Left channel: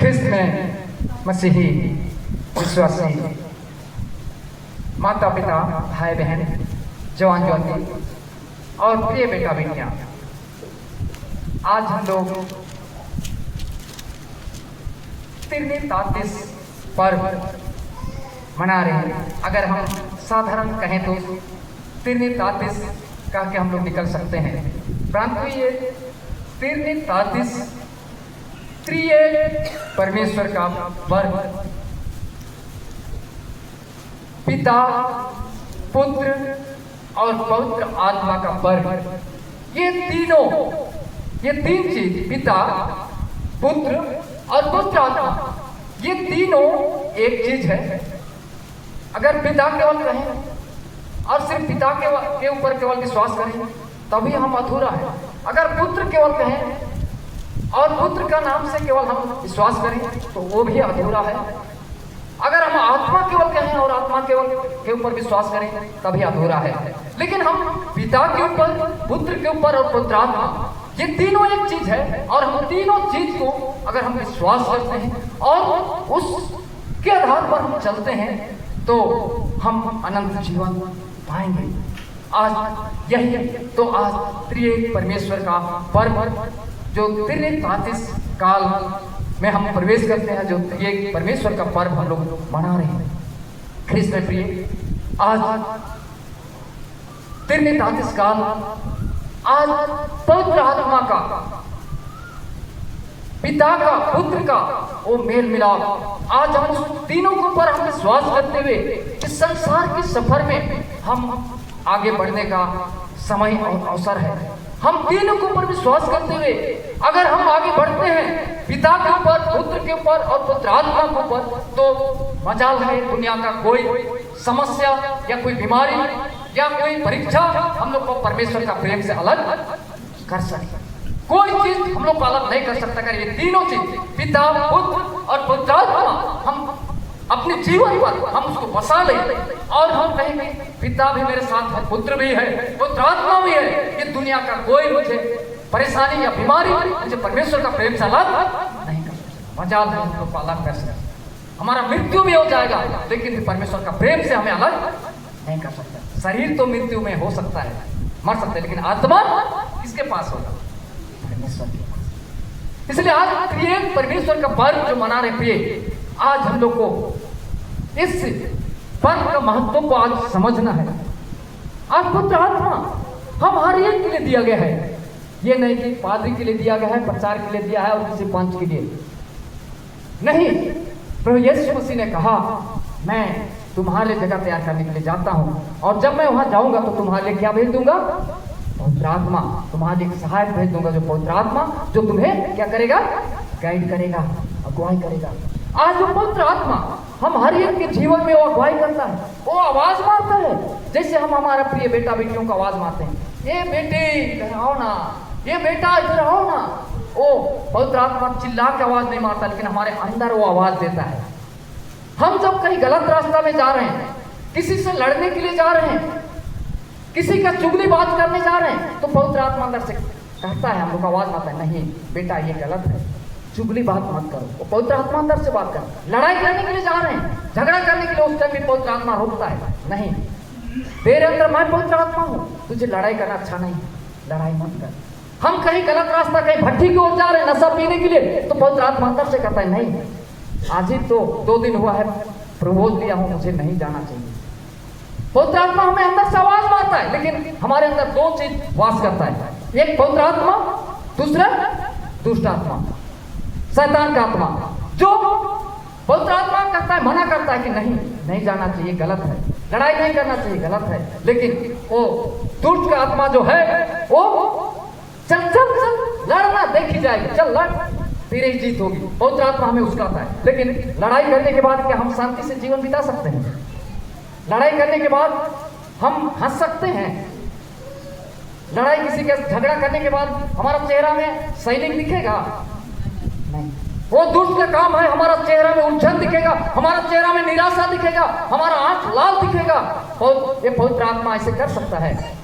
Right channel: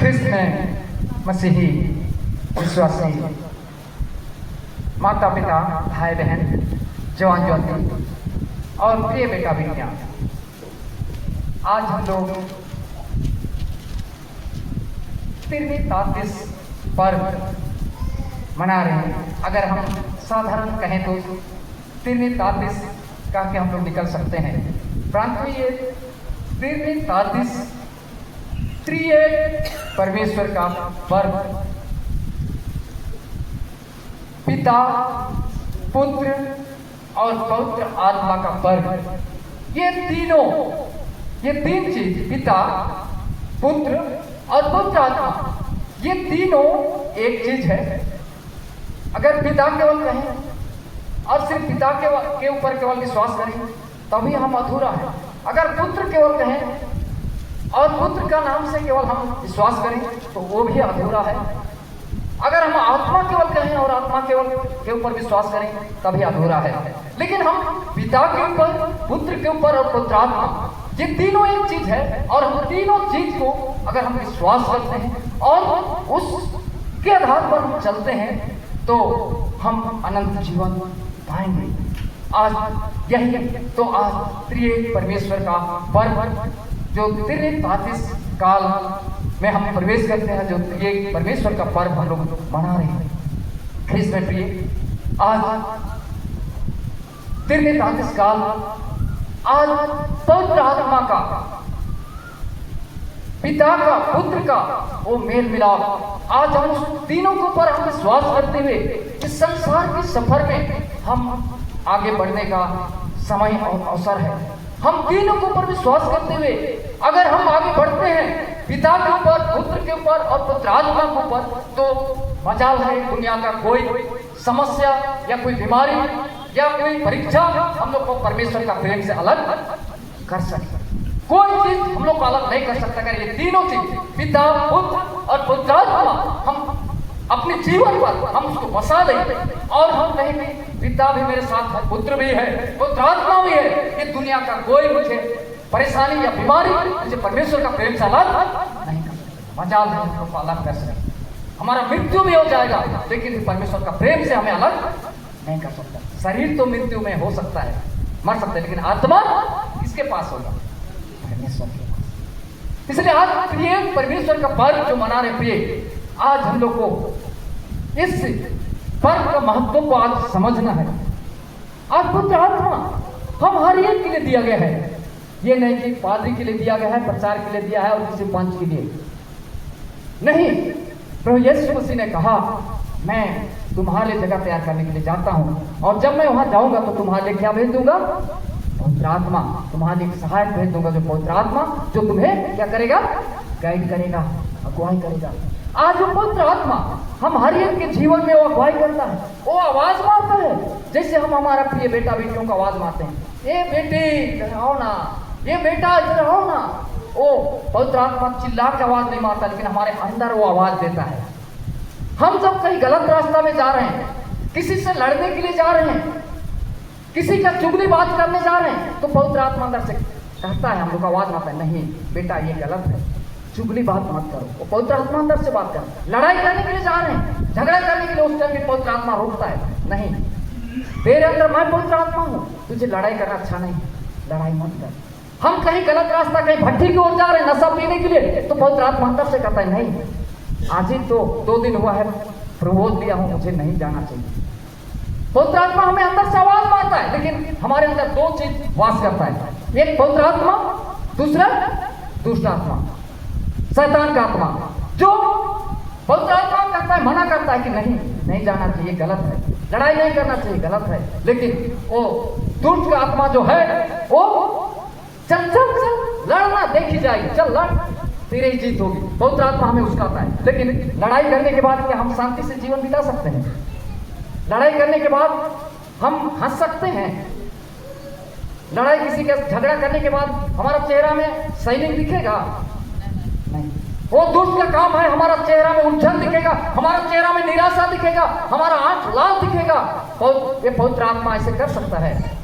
ख्रिस्त में मसीही विश्वासी माता पिता भाई बहन जवान ज्योति और प्रिय बेटा बेटियां, आज हम लोग त्रितातीस पर्व मना रहे हैं। अगर हम साधारण कहें तो त्रितातीस का के हम लोग निकल सकते हैं, परंतु ये त्रितातीस त्रिएक परमेश्वर का पर्व, पिता पुत्र और पवित्र आत्मा का पर्व। ये तीन चीज, पिता पुत्र और पवित्र आत्मा, ये तीनों एक चीज है। अगर पिता केवल कहें और सिर्फ पिता के ऊपर केवल विश्वास करें तभी हम अधूरा है। अगर पुत्र केवल कहें और पुत्र का नाम से केवल हम विश्वास करें तो वो भी अधूरा है। अगर हम आत्मा केवल कहें और आत्मा केवल के ऊपर विश्वास करें तभी अधूरा है। लेकिन हम पिता के ऊपर, पुत्र के ऊपर और पवित्र आत्मा, ये तीनों एक चीज है। और हम तीनों चीज को अगर हम विश्वास करते हैं और उसके आधार पर हम चलते हैं तो हम अनंत जीवन पाएंगे। आज यही तो आज त्रिएक परमेश्वर का पर्व जो त्रितातीस काल में हम प्रवेश करते हैं, जो त्रिएक परमेश्वर का पर्व हम लोग मना रहे हैं। ख्रिस्त में प्रिय, आज त्रितातीस काल, आज पवित्र आत्मा का, पिता का, पुत्र का वो मेल मिलाप, आज हम उस तीनों के ऊपर हम विश्वास करते हुए इस संसार के सफर में हम आगे बढ़ने का समय और अवसर है। हम तीनों के ऊपर विश्वास करते हुए अगर हम आगे बढ़ते हैं, पिता के ऊपर, पुत्र के ऊपर और पवित्र आत्मा के ऊपर, तो मजाल है दुनिया का कोई समस्या या कोई बीमारी या कोई परीक्षा हम लोग को परमेश्वर का प्रेम से अलग कर सकता। कोई चीज हम लोग को अलग नहीं कर सकता। अगर ये तीनों चीज, पिता, पुत्र और पवित्र आत्मा, हम अपने जीवन पर हम उसको बसा लें और हम कहेंगे पिता भी मेरे साथ है, पुत्र भी है, पवित्र आत्मा भी है, ये दुनिया का कोई मुझे परेशानी या बीमारी मुझे परमेश्वर का प्रेम से अलग नहीं कर सकता। मजाल है हमको अलग कर सकते। हमारा मृत्यु भी हो जाएगा लेकिन परमेश्वर का प्रेम से हमें अलग नहीं कर सकता। शरीर तो मृत्यु में हो सकता है, मर सकते हैं, लेकिन आत्मा किसके पास होगा? परमेश्वर के पास। इसलिए आज त्रिएक परमेश्वर का पर्व जो मना रहे प्रिय, आज हम लोग को इस पर्व का महत्व को आज समझना है। आज पवित्र आत्मा हम हर एक के लिए दिया गया है। ये नहीं कि पादरी के लिए दिया गया है, प्रचार के लिए दिया है और किसी पंच के लिए नहीं। प्रभु यीशु मसीह ने कहा, मैं तुम्हारे लिए जगह तैयार करने के लिए जाता हूं और जब मैं वहां जाऊंगा तो तुम्हारे लिए क्या भेज दूंगा? पवित्र आत्मा। तुम्हारे लिए सहायक भेज दूंगा, जो पवित्र आत्मा जो तुम्हें क्या करेगा? गाइड करेगा, अगुवाई करेगा। आज जो पवित्र आत्मा हम हर एक के जीवन में वो अगुवाई करता है, वो आवाज मारता है। जैसे हम हमारा प्रिय बेटा बेटियों को आवाज मारते हैं, ये बेटी इधर आओ ना, ये बेटा इधर आओ ना। वो पवित्र आत्मा चिल्ला के आवाज नहीं मारता, लेकिन हमारे अंदर वो आवाज देता है। हम जब कहीं गलत रास्ता में जा रहे हैं, किसी से लड़ने के लिए जा रहे हैं, किसी का चुगली बात करने जा रहे हैं, तो पवित्र आत्मा अंदर से कहता है, हम लोग आवाज मारता है, नहीं बेटा ये गलत है, चुगली बात मत करो। वो पवित्र आत्मा अंदर से बात कर। लड़ाई करने के लिए जा रहे हैं, झगड़ा करने के लिए, उस टाइम भी पवित्र आत्मा रोकता है, नहीं तेरे अंदर मैं पवित्र आत्मा हूं, तुझे लड़ाई करना अच्छा नहीं, लड़ाई मत कर। हम कहीं गलत रास्ता, कहीं भट्टी की ओर जा रहे हैं नशा पीने के लिए, तो पवित्र आत्मा अंदर से कहता है, नहीं आज ही तो 2 दिन हुआ है प्रबोध दिया हूं, मुझे नहीं जाना चाहिए। पवित्र आत्मा हमें अंदर से आवाज मारता है, लेकिन हमारे अंदर 2 चीज वास करता है, एक पवित्र आत्मा, दूसरा दुष्ट आत्मा, शैतान का आत्मा। जो पवित्र आत्मा कहता है, मना करता है कि नहीं जाना चाहिए, गलत है, लड़ाई नहीं करना चाहिए, गलत है। लेकिन वो दुष्ट का आत्मा जो है वो चल चल चल लड़ना देखी जाएगी, चल लड़, तेरी जीत होगी। पवित्र आत्मा हमें उसकाता है। लेकिन लड़ाई करने के बाद क्या हम शांति से जीवन बिता सकते हैं? लड़ाई करने के बाद हम हंस सकते हैं? लड़ाई किसी के झगड़ा करने के बाद हमारा चेहरा में सैनिक दिखेगा? नहीं। वो दुष्ट का काम है, हमारा चेहरा में उलझन दिखेगा, हमारा चेहरा में निराशा दिखेगा, हमारा आंख लाल दिखेगा। और ये पवित्र आत्मा ऐसे कर सकता है?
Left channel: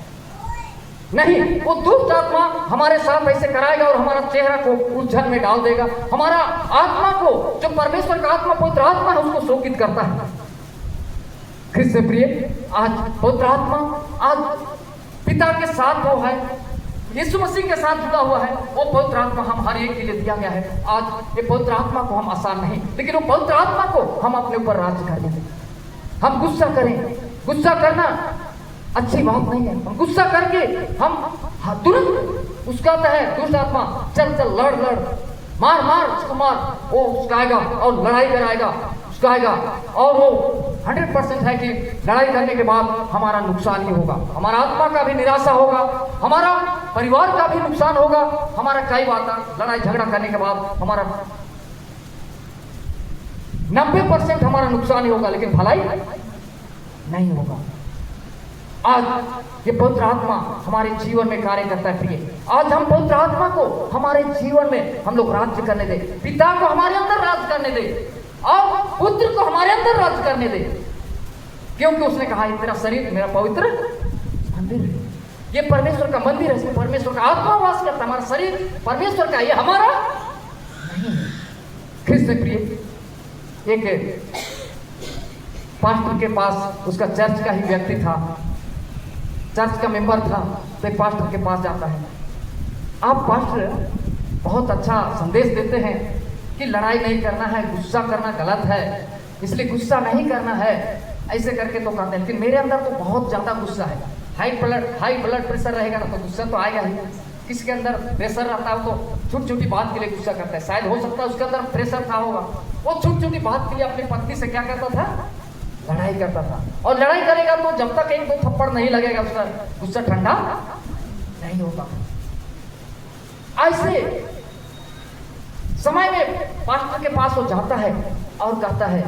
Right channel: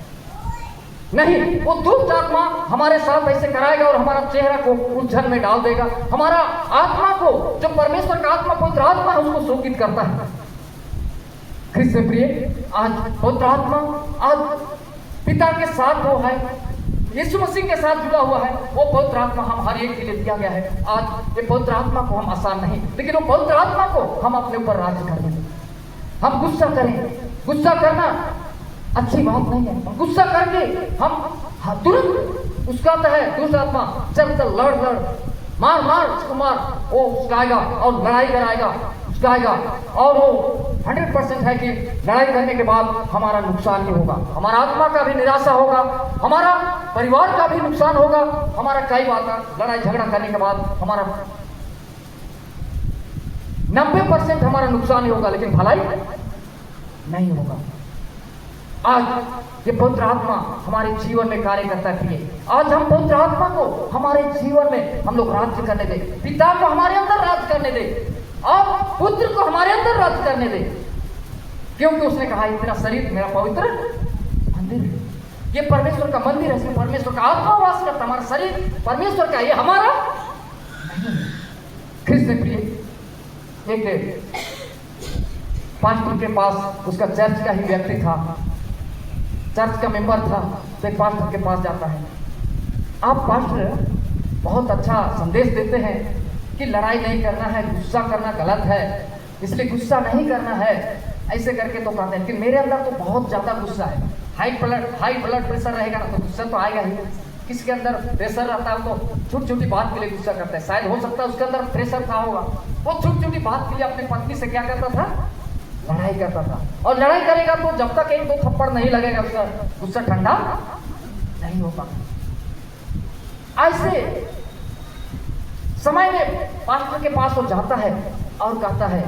नहीं, वो दुष्ट आत्मा हमारे साथ ऐसे कराएगा और हमारा चेहरा को उलझन में डाल देगा। हमारा आत्मा को, जो परमेश्वर का आत्मा पवित्र आत्मा है, उसको शोकित करता है। क्रिस्त प्रिय, आज पवित्र आत्मा आज पिता के साथ वो है, यीशु मसीह के साथ जुड़ा हुआ है। वो पवित्र आत्मा हम हर एक के लिए दिया गया है। आज ये पवित्र आत्मा को हम आसान नहीं, लेकिन वो पवित्र आत्मा को हम अपने ऊपर राज्य कर देंगे। हम गुस्सा करें, गुस्सा करना अच्छी बात नहीं है। हम गुस्सा करके हम तुरंत उसका आता है दुष्ट आत्मा, चल चल लड़ लड़, मार मार उसको मार, वो उसका आएगा और लड़ाई कराएगा, उसका आएगा। और वो 100% है कि लड़ाई करने के बाद हमारा नुकसान ही होगा, हमारा आत्मा का भी निराशा होगा, हमारा परिवार का भी नुकसान होगा। हमारा कई बात लड़ाई झगड़ा करने के बाद हमारा 90% हमारा नुकसान ही होगा, लेकिन भलाई नहीं होगा। आज ये पवित्र आत्मा हमारे जीवन में कार्य करता है। प्रिय, आज हम पवित्र आत्मा को हमारे जीवन में हम लोग राज्य करने दें, पिता को हमारे अंदर राज्य करने दें और पुत्र को हमारे अंदर राज्य करने दें, क्योंकि उसने कहा तेरा शरीर मेरा पवित्र मंदिर है। ये परमेश्वर का मंदिर है, इसमें परमेश्वर का आत्मा वास करता है। हमारा शरीर परमेश्वर का, ये हमारा नहीं। ख्रिस्त प्रिय, एक पास्टर के पास, उसका चर्च का ही व्यक्ति था, चर्च का मेंबर था, तो एक पास्टर के पास जाता है। आप पास्टर बहुत अच्छा संदेश देते हैं कि लड़ाई नहीं करना है, गुस्सा करना गलत है, इसलिए गुस्सा नहीं करना है, ऐसे करके तो कहते हैं। लेकिन मेरे अंदर तो बहुत ज्यादा गुस्सा है, हाई ब्लड प्रेशर रहेगा ना तो गुस्सा तो आएगा ही। किसी के अंदर प्रेशर रहता है तो छोटी छोटी बात के लिए गुस्सा करता है, शायद हो सकता है उसके अंदर प्रेशर था होगा, वो छोटी छोटी बात के लिए अपनी पत्नी से क्या करता था, लड़ाई करता था। और लड़ाई करेगा तो जब तक एक दो थप्पड़ नहीं लगेगा उसका गुस्सा ठंडा नहीं होता। ऐसे समय में पास्टर के पास वो जाता है और कहता है,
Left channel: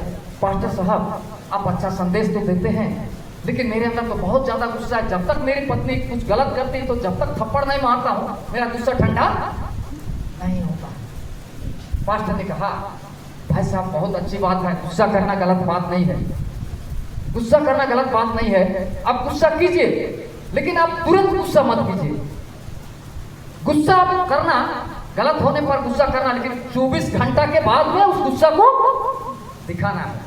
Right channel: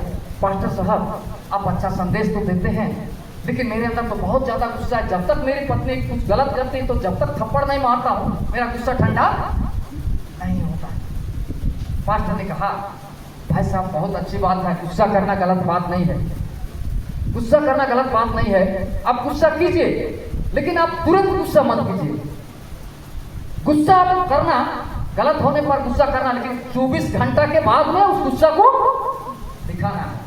पास्टर साहब आप अच्छा संदेश तो देते हैं, लेकिन मेरे अंदर तो बहुत ज्यादा गुस्सा है। जब तक मेरी पत्नी कुछ गलत करती तो जब तक थप्पड़ नहीं मारता हूं मेरा गुस्सा ठंडा नहीं होता। पास्टर ने कहा, भाई साहब बहुत अच्छी बात है, गुस्सा करना गलत बात नहीं है, गुस्सा करना गलत बात नहीं है, आप गुस्सा कीजिए, लेकिन आप तुरंत गुस्सा मत कीजिए। गुस्सा आप करना, गलत होने पर गुस्सा करना, लेकिन 24 घंटा के बाद में उस गुस्सा को दिखाना है।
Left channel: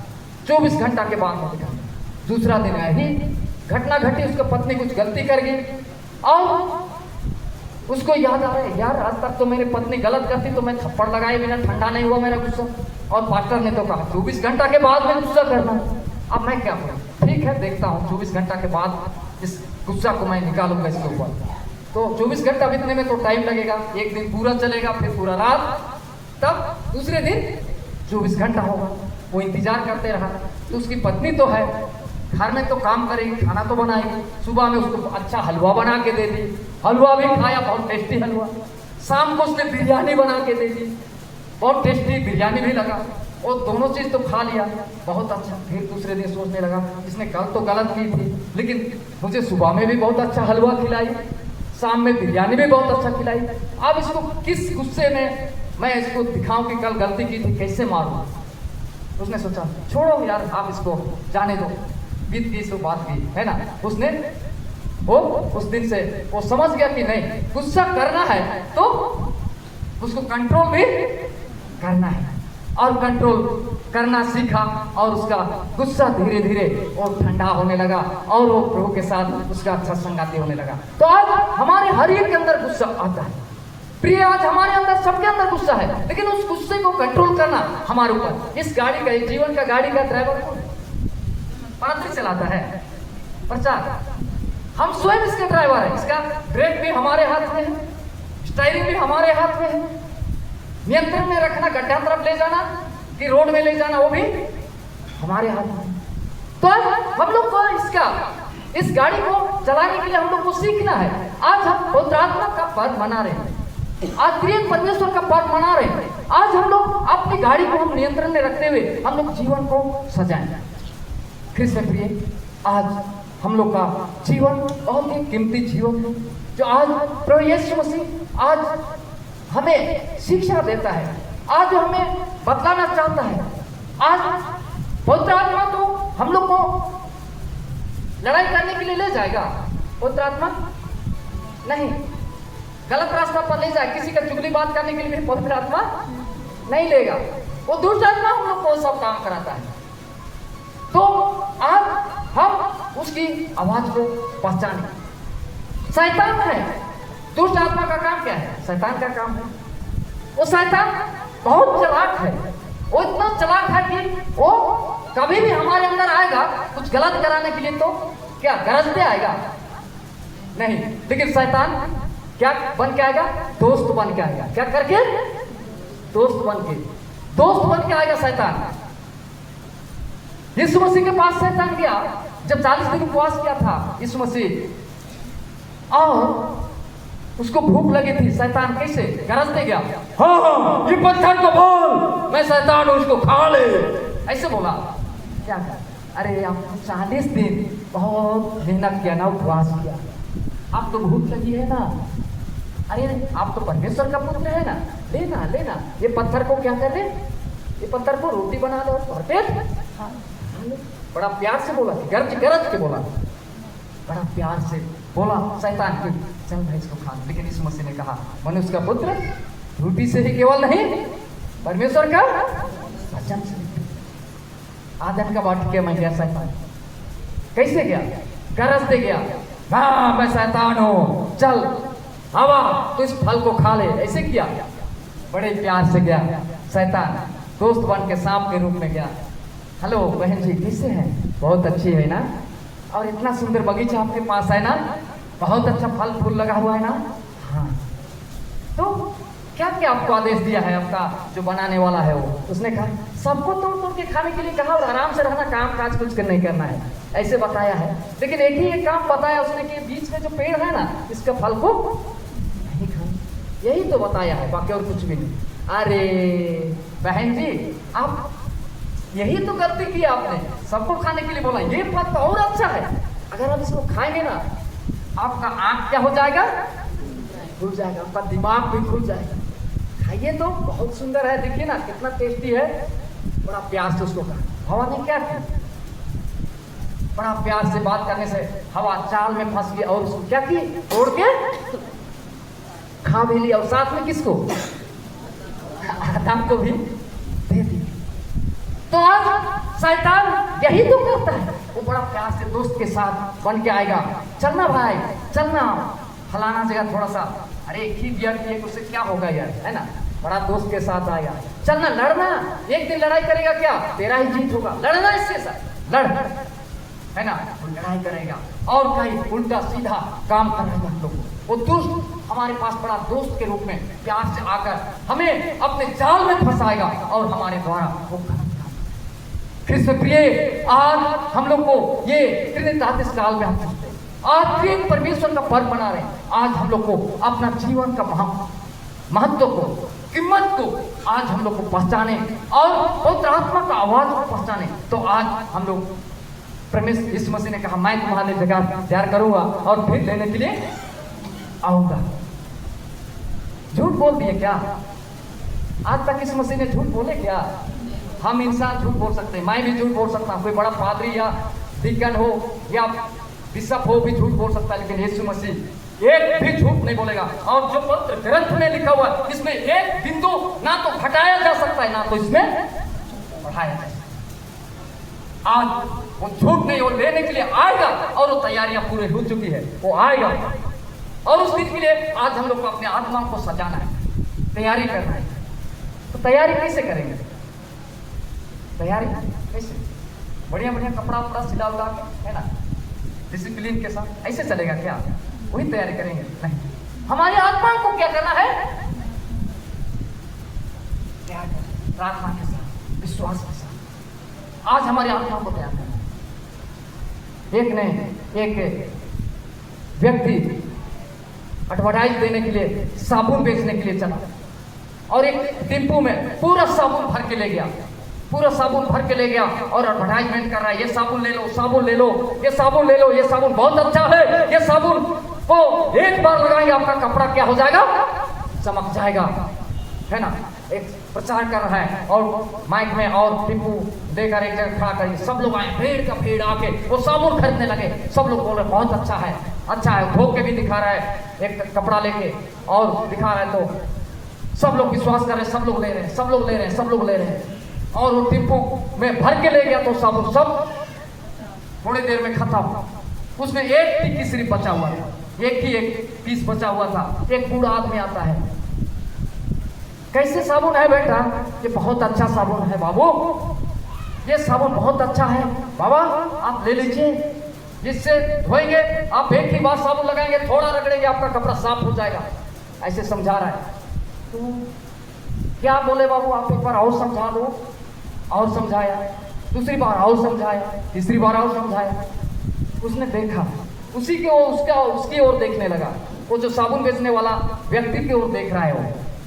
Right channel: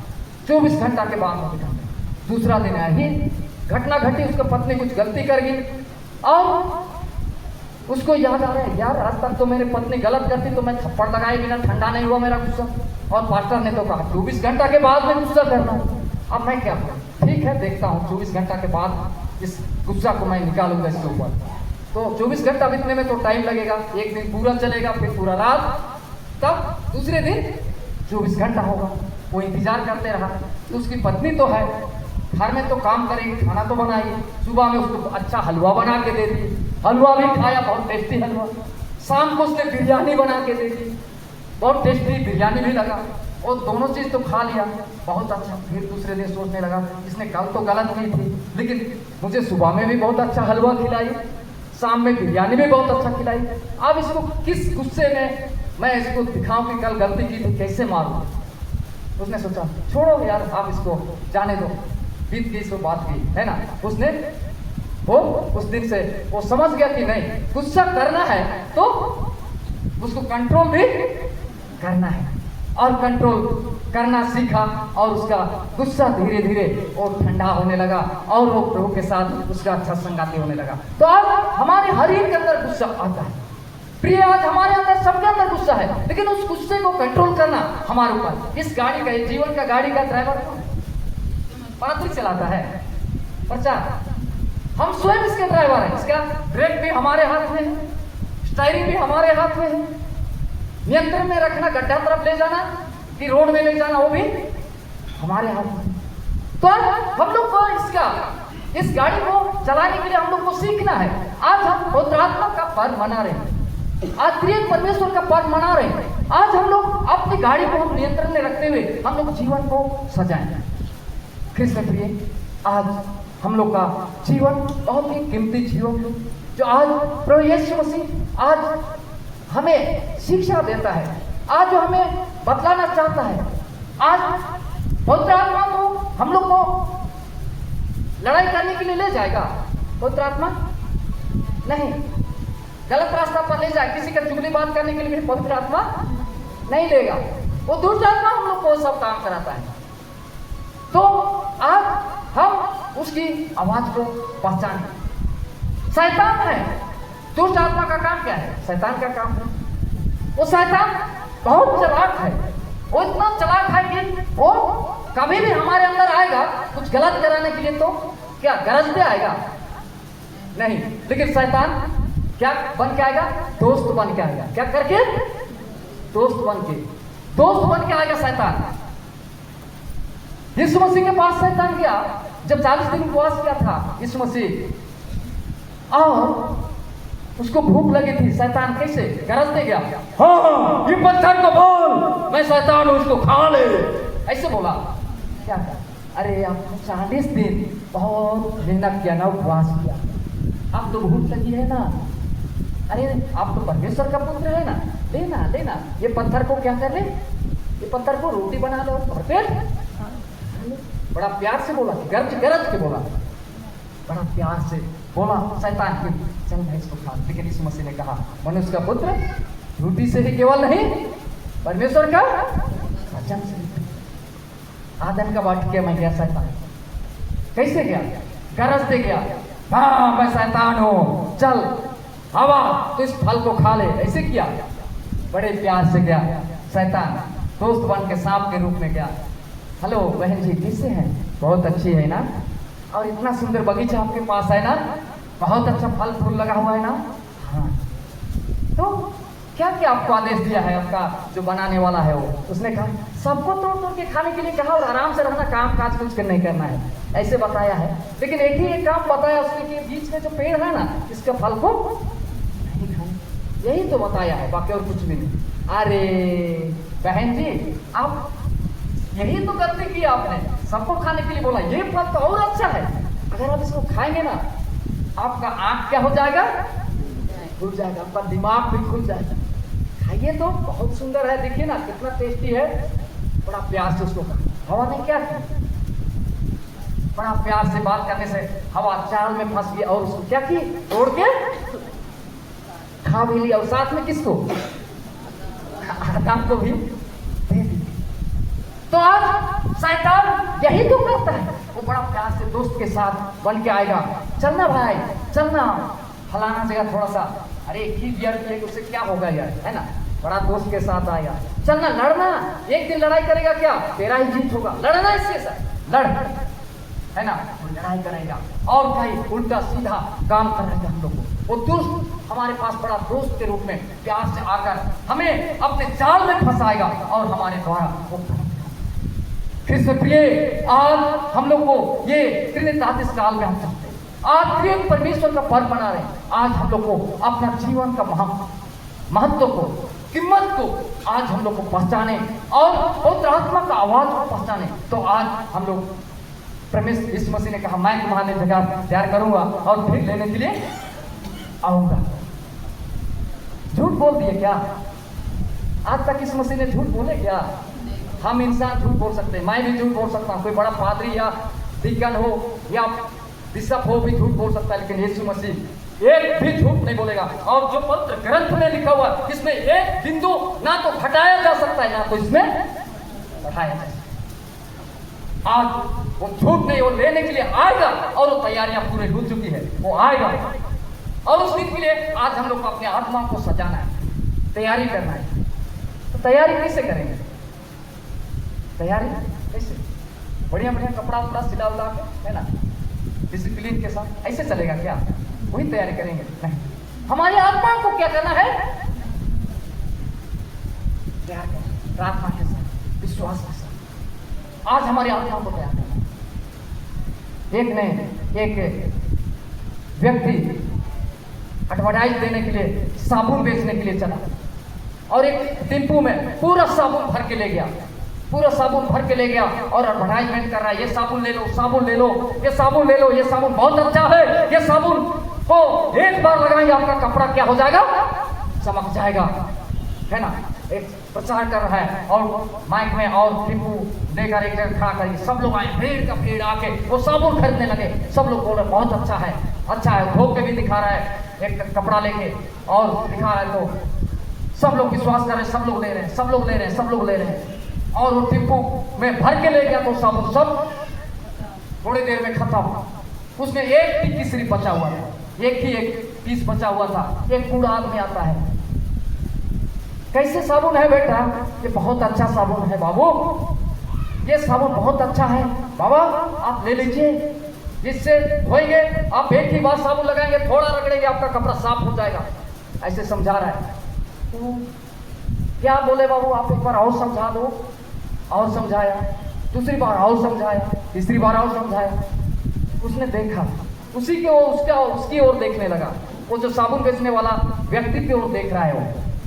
24 घंटा के बाद में दिखाना। दूसरा दिन है, घटना घटी, उसकी पत्नी कुछ गलती कर गई और उसको याद आ रहा है, यार आज तक तो मेरी पत्नी गलत करती तो मैं थप्पड़ लगाए बिना ठंडा नहीं हुआ मेरा गुस्सा। और पास्टर ने तो कहा 24 घंटा के बाद में गुस्सा करना। अब मैं क्या करूं, ठीक है देखता हूं 24 घंटा के बाद इस गुस्सा को मैं निकालूंगा इसके ऊपर। तो 24 घंटा बीतने में तो टाइम लगेगा, एक दिन पूरा चलेगा, फिर पूरा रात, तब दूसरे दिन 24 घंटा होगा। वो इंतजार करते रहा। तो उसकी पत्नी तो है, घर में तो काम करेगी, खाना तो बनाएगी, सुबह में उसको अच्छा हलवा बना के दे दी, हलवा भी खाया, बहुत टेस्टी हलवा। शाम को उसने बिरयानी बना के दे दी, बहुत टेस्टी बिरयानी भी लगा। और दोनों चीज तो खा लिया, बहुत अच्छा। फिर दूसरे दिन सोचने लगा, इसने कल तो गलत की थी, लेकिन मुझे सुबह में भी बहुत अच्छा हलवा खिलाई, शाम में बिरयानी भी बहुत अच्छा खिलाई। अब इसको किस गुस्से में मैं इसको दिखाऊं कि कल गलती की थी, कैसे मारूं। उसने सोचा छोड़ो यार, आप इसको जाने दो, बीत गई सो बात की, है ना। उसने वो उस दिन से वो समझ गया कि नहीं, गुस्सा करना है तो उसको कंट्रोल भी करना है, और कंट्रोल करना सीखा। और उसका गुस्सा धीरे धीरे और ठंडा होने लगा और वो प्रभु के साथ उसका अच्छा संगाती होने लगा। तो आज हमारे हर एक के अंदर गुस्सा आता है प्रिय, आज हमारे अंदर सबके अंदर गुस्सा है, लेकिन उस गुस्से को कंट्रोल करना हमारे ऊपर। इस गाड़ी का, जीवन का गाड़ी का ड्राइवर पादरी चलाता है, प्रचार, हम स्वयं इसके ड्राइवर हैं। इसका ब्रेक भी हमारे हाथ में है, स्टीयरिंग भी हमारे हाथ में है, नियंत्रण में रखना, गड्ढा तरफ ले जाना कि रोड में ले जाना, वो भी हमारे हाथ में। तो हम लोग को इस गाड़ी को चलाने के लिए हम लोग को सीखना है। आज हम पवित्र आत्मा का पर्व मना रहे हैं, आज प्रिय परमेश्वर का पर्व मना रहे हैं। आज हम लोग अपनी गाड़ी को हम नियंत्रण में रखते हुए हम लोग जीवन को सजाएं। कृष्ण प्रिय, आज हम लोग का जीवन बहुत ही कीमती जीवन, जो आज प्रभु यीशु मसीह आज हमें शिक्षा देता है, आज हमें बतलाना चाहता है। आज पवित्र आत्मा तो हम लोग को लड़ाई करने के लिए ले जाएगा, पवित्र आत्मा नहीं, गलत रास्ता पर ले जाए, किसी का चुगली बात करने के लिए भी पवित्र आत्मा नहीं लेगा। वो दुष्ट आत्मा हम लोग को सब काम कराता है। तो आज हम उसकी आवाज को पहचाने। शैतान है, दुष्ट आत्मा का काम क्या है? शैतान का काम है, वो शैतान बहुत चालाक है। वो इतना चालाक है कि वो कभी भी हमारे अंदर आएगा कुछ गलत कराने के लिए, तो क्या गरजते आएगा? नहीं, लेकिन शैतान क्या बन के आएगा? दोस्त बन के आएगा। क्या करके? दोस्त बन के आएगा शैतान। यीशु मसीह के पास शैतान गया जब 40 दिन उपवास किया था यीशु मसीह, और उसको भूख लगी थी। शैतान कैसे गरजते गया, हाँ ये पत्थर को बोल, मैं शैतान हूं, उसको खा ले, ऐसे बोला। क्या कहा? अरे आपको 40 दिन बहुत मेहनत किया ना, उपवास किया, आप तो भूख लगी है ना, अरे आप तो परमेश्वर का पुत्र है ना, लेना ये पत्थर को क्या कर ले, ये पत्थर को रोटी बना दो और फिर बड़ा प्यार से बोला, गरज के बोला, बड़ा प्यार से बोला शैतान की, चल मैं इसको खा। लेकिन यीशु मसीह ने कहा, मनुष्य का पुत्र रोटी से ही केवल नहीं, परमेश्वर का वचन से। आदम का वाट किया मैं गया शैतान, कैसे गया? गरजते गया, हाँ मैं शैतान हूं, चल हवा तो इस फल को खा ले, ऐसे किया। बड़े प्यार से गया शैतान, दोस्त बन के सांप के रूप में गया। हेलो बहन जी, कैसे हैं? बहुत अच्छी है ना, और इतना सुंदर बगीचा आपके पास है ना, बहुत अच्छा फल फूल लगा हुआ है ना। हाँ, तो क्या क्या आपको आदेश दिया है आपका जो बनाने वाला है वो? उसने कहा सबको तोड़ के खाने के लिए कहा और आराम से रहना, काम काज कुछ नहीं करना है, ऐसे बताया है। लेकिन एक ही एक काम बताया उसने कि बीच में जो पेड़ है ना, इसका फल को नहीं खाना, यही तो बताया है, बाकी और कुछ भी नहीं। अरे बहन जी, आप यही तो गलती की आपने, सबको खाने के लिए बोला, ये फल तो और अच्छा है, अगर आप इसको खाएंगे ना, आपका आंख क्या हो जाएगा? खुल जाएगा, आपका दिमाग भी खुल जाएगा। खाइए तो, बहुत सुंदर है, देखिए ना कितना टेस्टी है। बड़ा प्यार से उसको कहा। हवा ने क्या किया? बड़ा प्यार से बात करने से हवा चाल में फंस गई और उसको क्या की? तोड़ के खा भी लिया, और साथ में किसको? आदम को भी दे दी। तो आज शैतान यही तो करता है, वो बड़ा प्यार से दोस्त के साथ बन के आएगा, चलना भाई चलना, फलाना जगह थोड़ा सा, अरे एक ही बियर पिए उससे क्या होगा यार, है ना, बड़ा दोस्त के साथ आएगा, चलना लड़ना, एक दिन लड़ाई करेगा क्या, तेरा ही जीत होगा, लड़ना इसके साथ, लड़, है ना, लड़ाई करेगा और कहीं उल्टा सीधा काम करेगा हम लोग को। वो दुष्ट हमारे पास बड़ा दोस्त के रूप में प्यार से आकर हमें अपने जाल में फंसाएगा और हमारे द्वारा वो कृष्ण प्रिय, आज हम लोग को ये त्रितातीस काल में हम चाहते हैं, आज तीन परमेश्वर का पर्व मना रहे हैं। आज हम लोग को अपना जीवन का महत्व को, कीमत को आज हम लोग को पहचाने और पवित्र आत्मा का आवाज को पहचाने। तो आज हम लोग परमेश्वर यीशु मसीह ने कहा, मैं तुम्हारे लिए जगह तैयार करूंगा और फिर लेने के लिए आऊंगा। झूठ बोल दिए क्या? आज तक यीशु मसीह ने झूठ बोले क्या? हम इंसान झूठ बोल सकते हैं, मैं भी झूठ बोल सकता हूँ, कोई बड़ा पादरी या डीकन हो या बिशप हो भी झूठ बोल सकता है, लेकिन यीशु मसीह एक भी झूठ नहीं बोलेगा। और जो पवित्र ग्रंथ में लिखा हुआ है, इसमें एक बिंदु ना तो घटाया जा सकता है ना तो इसमें बढ़ाया जा सकता है। आज वो झूठ नहीं, वो लेने के लिए आएगा और वो तैयारियां पूरी हो चुकी है, वो आएगा और उस दिन के लिए आज हम लोग को अपने आत्मा को सजाना है, तैयारी करना है। तो तैयारी कैसे करेंगे? तैयारी कैसे? बढ़िया बढ़िया कपड़ा उपड़ा सिला उला के, है ना, डिसिप्लिन के साथ, ऐसे चलेगा क्या? वही तैयारी करेंगे? नहीं, हमारी आत्मा को क्या करना है? तैयार करना, प्रार्थना के साथ, विश्वास के साथ आज हमारी आत्मा को तैयार करना। एक नहीं, एक व्यक्ति एडवर्टाइज देने के लिए साबुन बेचने के लिए चला और एक टेम्पो में पूरा साबुन भर के ले गया, पूरा साबुन भर के ले गया और एडवर्टाइजमेंट कर रहा है, ये साबुन ले लो, साबुन ले लो, ये साबुन ले लो, ये साबुन बहुत अच्छा है, ये साबुन को एक बार लगाएंगे आपका कपड़ा क्या हो जाएगा? चमक जाएगा, है ना। एक प्रचार कर रहा है और माइक में और टेम्पू देकर एक जगह खड़ा कर, सब लोग आए, भीड़ का भीड़ आके वो साबुन खरीदने लगे। सब लोग बोल रहे बहुत अच्छा है, अच्छा है, धो के भी दिखा रहा है एक कपड़ा लेके और दिखा रहा है, तो सब लोग विश्वास कर रहे हैं, सब लोग ले रहे हैं, सब लोग ले रहे हैं, सब लोग ले रहे हैं। और वो टिप्पू में भर के ले गया तो साबुन सब थोड़ी देर में खत्म। उसमें एक टिक्की सिर्फ बचा हुआ था, एक पीस बचा हुआ था। एक बूढ़ा आदमी आता है, कैसे साबुन है बेटा? ये बहुत अच्छा साबुन है बाबू, ये साबुन बहुत अच्छा है बाबा, आप ले लीजिए, जिससे धोएंगे आप एक ही बार साबुन लगाएंगे, थोड़ा रगड़ेंगे आपका कपड़ा साफ हो जाएगा, ऐसे समझा रहा है। तो क्या बोले बाबू, आप एक बार और समझा दो। और समझाया, दूसरी बार और समझाया, तीसरी बार और समझाया। उसने देखा, उसी के ओर उसकी ओर देखने लगा। वो जो साबुन बेचने वाला व्यक्ति की ओर देख रहा है, वो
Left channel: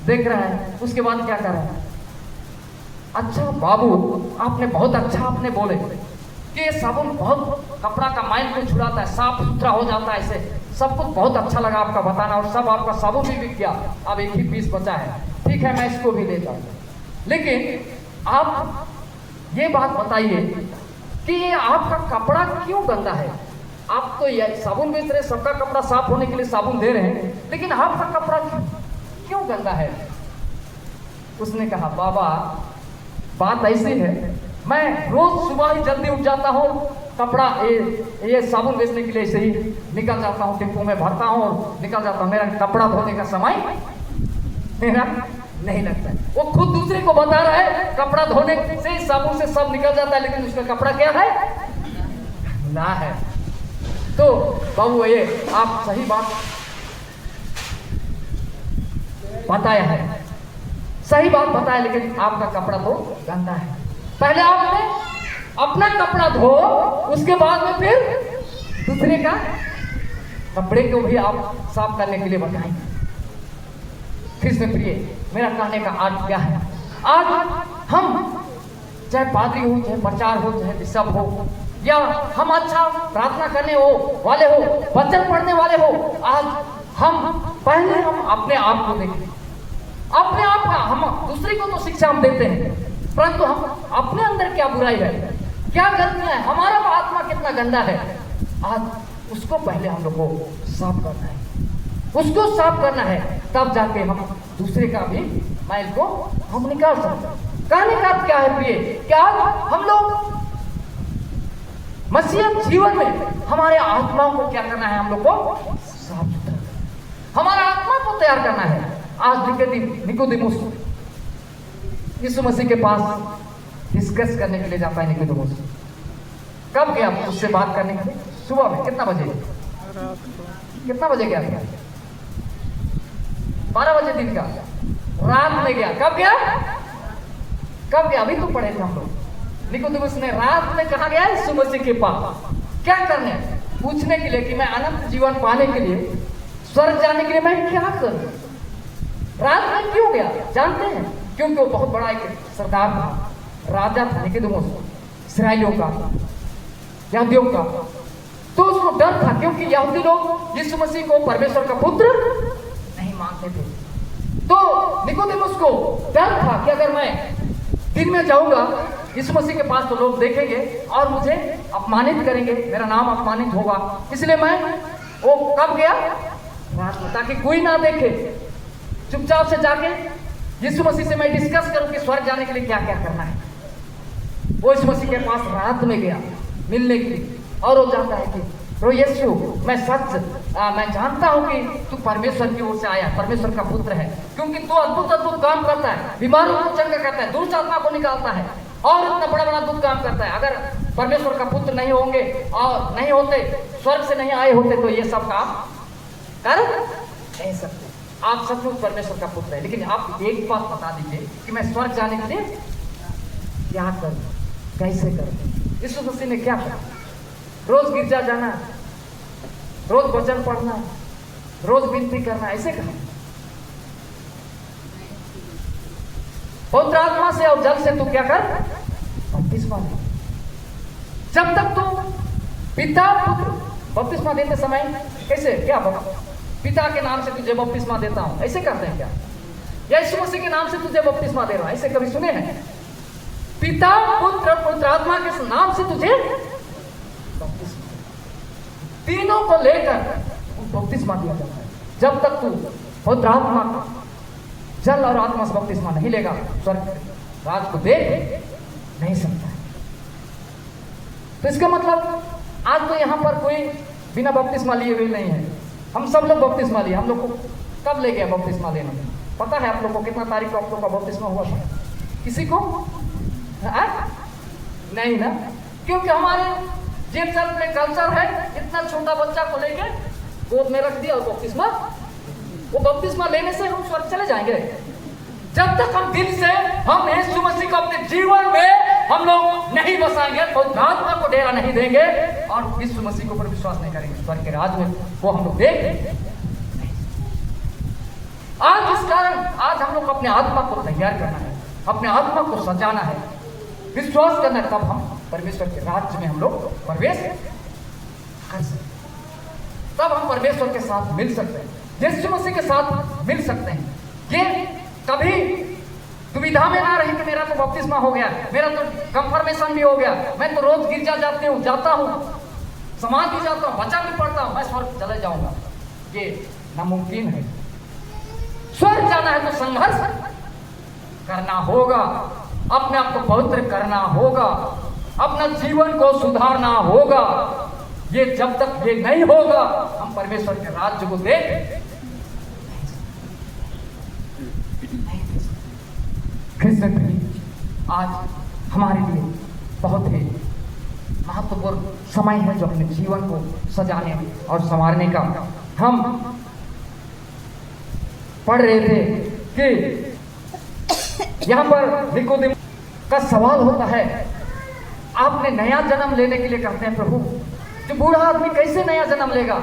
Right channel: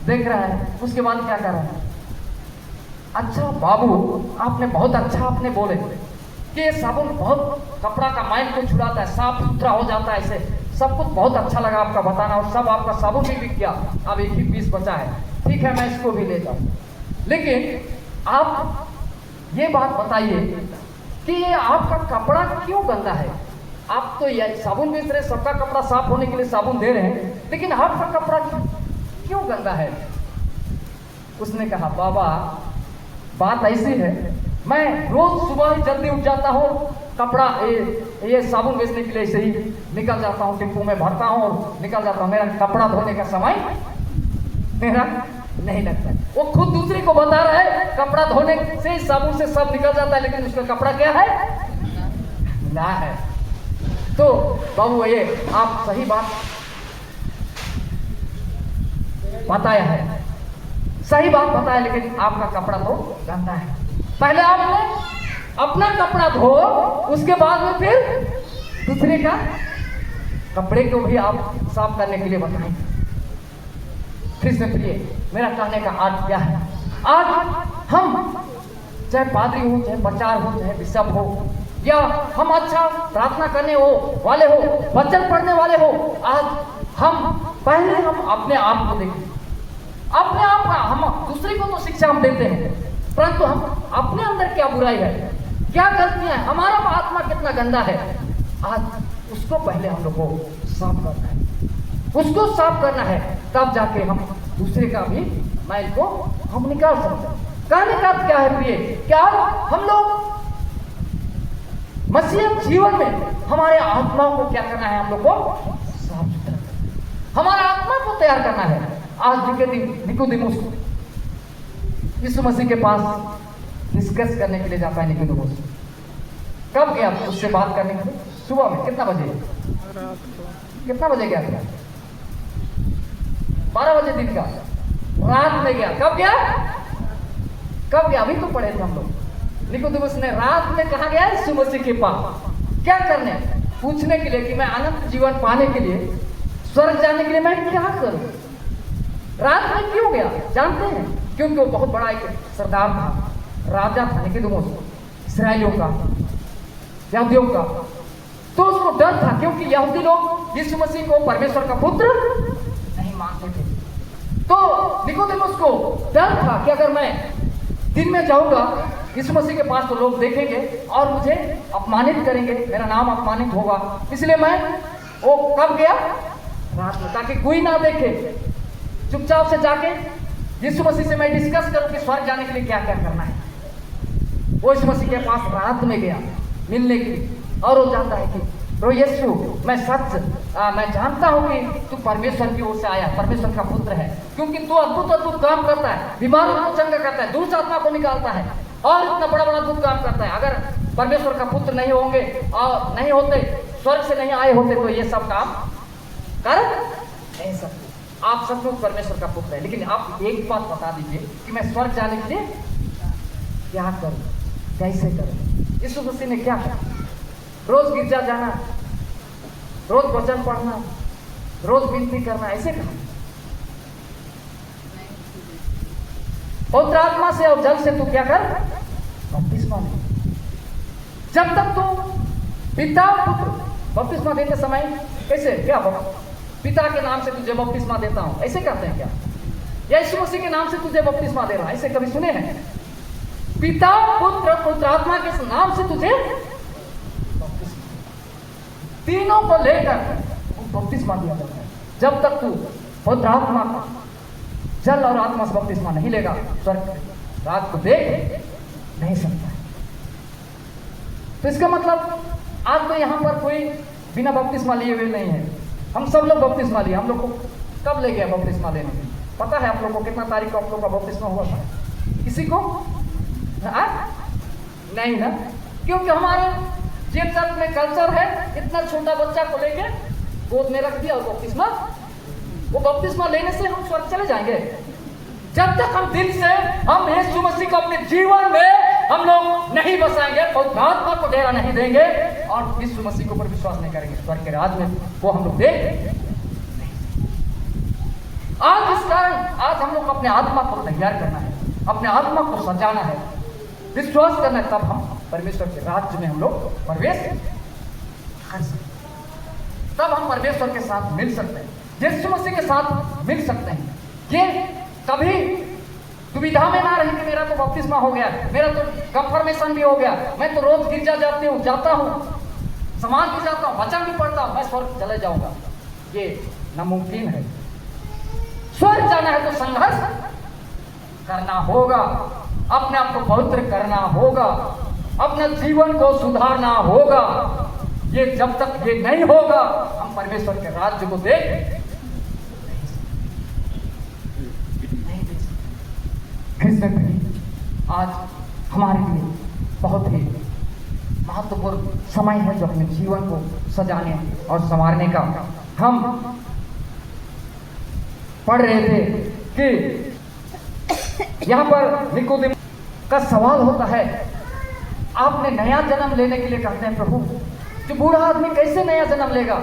देख रहा है। उसके बाद क्या कर रहा है, अच्छा बाबू आपने बहुत अच्छा आपने बोले कि ये साबुन बहुत कपड़ा का मैल को छुड़ाता है, साफ सुथरा हो जाता है, ऐसे सब कुछ बहुत अच्छा लगा आपका बताना। और सब आपका साबुन भी बिक गया, अब एक ही पीस बचा है, ठीक है मैं इसको भी ले जाऊँ। लेकिन आप ये बात बताइए कि ये आपका कपड़ा क्यों गंदा है? आप तो ये साबुन बेच रहे, सबका कपड़ा साफ होने के लिए साबुन दे रहे हैं, लेकिन आपका कपड़ा क्यों गंदा है? उसने कहा बाबा बात ऐसी है, मैं रोज सुबह ही जल्दी उठ जाता हूँ, कपड़ा ये साबुन बेचने के लिए ऐसे ही निकल जाता हूँ, टिप्पू में भरता हूँ और निकल जाता हूँ। मेरा कपड़ा धोने का समय मेरा नहीं लगता है। वो खुद दूसरे को बता रहा है कपड़ा धोने से साबुन से सब निकल जाता है, लेकिन उसका कपड़ा क्या है? ना है। तो बाबू ये आप सही बात बताए हैं, सही बात बताए, लेकिन आपका कपड़ा तो गंदा है। पहले आपने अपना कपड़ा धो, उसके बाद में फिर दूसरे का कपड़े को भी आप साफ करने के लिए बताएं। फिर से प्रिय, मेरा कहने का अर्थ क्या है? आज हम चाहे पादरी हो, चाहे प्रचार हो, चाहे बिशप हो, या हम अच्छा प्रार्थना करने हो वाले हो, वचन पढ़ने वाले हो, आज हम पहले हम अपने आप को देखें, अपने आप का। हम दूसरे को तो शिक्षा हम देते हैं, परंतु हम अपने अंदर क्या बुराई है, क्या गलतियां है, हमारा आत्मा कितना गंदा है, आज उसको पहले हम लोग को साफ करना है, उसको साफ करना है, तब जाके हम दूसरे का भी मैल को हम निकाल सकते हैं। कहने का क्या है प्रिय, क्या हम लोग मसीह जीवन में हमारे आत्मा को क्या करना है, हम लोग को साफ सुथरा, हमारा आत्मा को तैयार करना है। आज निकोदेमुस यीशु मसीह के पास डिस्कस करने के लिए जाता है। निकोदेमुस कब गया उससे बात करने के लिए? सुबह में। कितना बजे? कितना बजे गया था? 12 बजे दिन का, रात में गया। कब गया? कब गया? अभी तो पढ़े थे हम लोग। निकोदेमुस ने रात में कहा गया यीशु मसीह के पास, क्या करने? पूछने के लिए कि मैं अनंत जीवन पाने के लिए, स्वर्ग जाने के लिए मैं क्या करूं? रात में क्यों गया जानते हैं? क्योंकि वो बहुत बड़ा एक सरदार था, राजा था निकोदेमुस, इस्राएलियों का, यहूदियों का। तो उसको डर था, क्योंकि यहूदी लोग यीशु मसीह को परमेश्वर का पुत्र नहीं मानते थे। तो निकोदेमुस को डर था कि अगर मैं दिन में जाऊंगा यीशु मसीह के पास तो लोग देखेंगे और मुझे अपमानित करेंगे, मेरा नाम अपमानित होगा। इसलिए मैं वो कब गया? रात में, ताकि कोई ना देखे। चुपचाप से जाके यीशु मसीह से मैं डिस्कस करूं कि स्वर्ग जाने के लिए क्या क्या करना है। वो यीशु मसीह के पास रात में गया मिलने के लिए, और वो जानता है कि प्रो यीशु मैं मैं जानता हूं कि तू परमेश्वर की ओर से आया, परमेश्वर का पुत्र है, क्योंकि तू अद्भुत अद्भुत काम करता है, बीमारों को चंगा करता है, दुष्ट आत्मा को निकालता है, और इतना बड़ा बड़ा अद्भुत काम करता है। अगर परमेश्वर का पुत्र नहीं होंगे और नहीं होते, स्वर्ग से नहीं आए होते, तो ये सब काम कर नहीं सकते। आप सचमुच परमेश्वर का पुत्र है, लेकिन आप एक बात बता दीजिए कि मैं स्वर्ग जाने के लिए क्या करूं, कैसे करूं? यीशु मसीह ने क्या कहा? रोज गिरजा जाना, रोज वचन पढ़ना, रोज विनती करना, ऐसे कहा। पवित्र आत्मा से और जल से तू क्या कर? बपतिस्मा ले। जब तक तू पिता पुत्र बपतिस्मा देते समय कैसे क्या पिता के नाम से तुझे बपतिस्मा देता हूं, ऐसे करते हैं क्या? या यीशु मसीह के नाम से तुझे बपतिस्मा दे रहा हूं, ऐसे कभी सुने हैं? पिता पुत्र पवित्र आत्मा के नाम से तुझे बपतिस्मा, तीनों को लेकर बपतिस्मा दिया जाता है। जब तक तू पवित्र आत्मा का जल और आत्मा से बपतिस्मा नहीं लेगा, स्वर्ग राज को देख नहीं सकता। तो इसका मतलब आज तो यहाँ पर कोई बिना बपतिस्मा लिए हुए नहीं है। हम सब लोग बपतिस्मा लिए। हम लोग को कब ले गया बपतिस्मा लेने में? पता है आप लोगों को कितना तारीख को आप लोगों का बपतिस्मा हुआ था? किसी को नहीं ना? क्योंकि हमारे जिन चर्च में कल्चर है, इतना छोटा बच्चा को लेके गोद में रख दिया और बपतिस्मा, वो बपतिस्मा लेने से हम स्वर्ग चले जाएंगे। जब तक हम दिल से हम यीशु मसीह को अपने जीवन में हम लोग नहीं बसाएंगे, पवित्र आत्मा को डेरा नहीं देंगे और यीशु मसीह के ऊपर विश्वास नहीं करेंगे, स्वर्ग के राज में वो हम लोग देख। आज इस कारण आज हम लोग अपने आत्मा को तैयार करना है, अपने आत्मा को सजाना है, विश्वास करना है, तब हम परमेश्वर के राज्य में हम लोग प्रवेश कर सकते, तब हम परमेश्वर के साथ मिल सकते हैं, यीशु मसीह के साथ मिल सकते हैं। ये कभी दुविधा में ना रहे कि मेरा तो बपतिस्मा हो गया, मेरा तो कंफर्मेशन भी हो गया, मैं तो रोज गिरजा जाता हूँ, समाज भी जाता हूँ, वचन भी पढ़ता हूँ, मैं स्वर्ग चले जाऊंगा। ये नामुमकिन है। स्वर्ग जाना है तो संघर्ष करना होगा, अपने आप को पवित्र करना होगा, अपना जीवन को सुधारना होगा। ये जब तक ये नहीं होगा, हम परमेश्वर के राज्य को देख आज हमारे लिए बहुत ही महत्वपूर्ण समय है जो अपने जीवन को सजाने और संवारने का। हम पढ़ रहे थे कि यहां पर निकोदेमुस का सवाल होता है, आपने नया जन्म लेने के लिए कहते हैं प्रभु, जो बूढ़ा आदमी कैसे नया जन्म लेगा,